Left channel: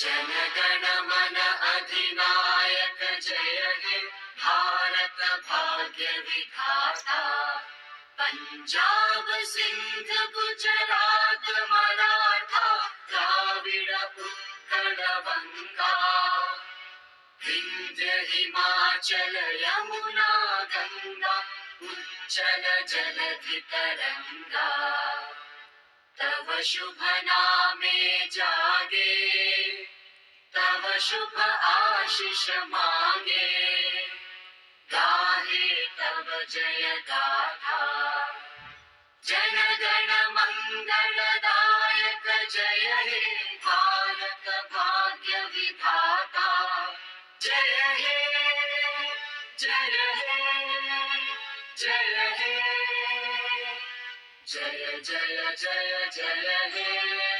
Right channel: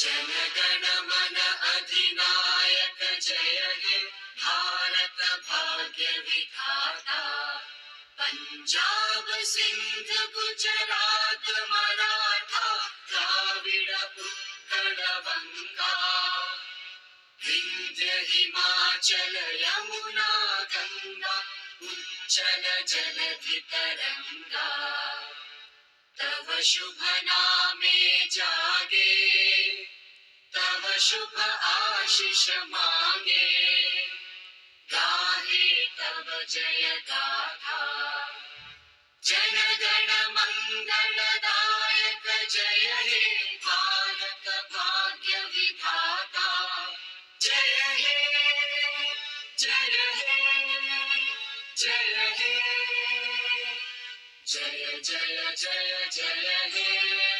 जनगण मन अधिनायक जय हे भारत भाग्य विधाता। पंजाब सिंध गुजरात मराठा द्राविड़ उत्कल बंगा। विंध्य हिमाचल यमुना गंगा उच्चल जलधि तरंगा। तव शुभ नामे जागे तव शुभ आशीष मांगे। गाहे तव जय गाथा जनगण मंगलदायक जय हे भारत भाग्य विधाता। जय हे जय हे जय हे जय जय जय जय हे।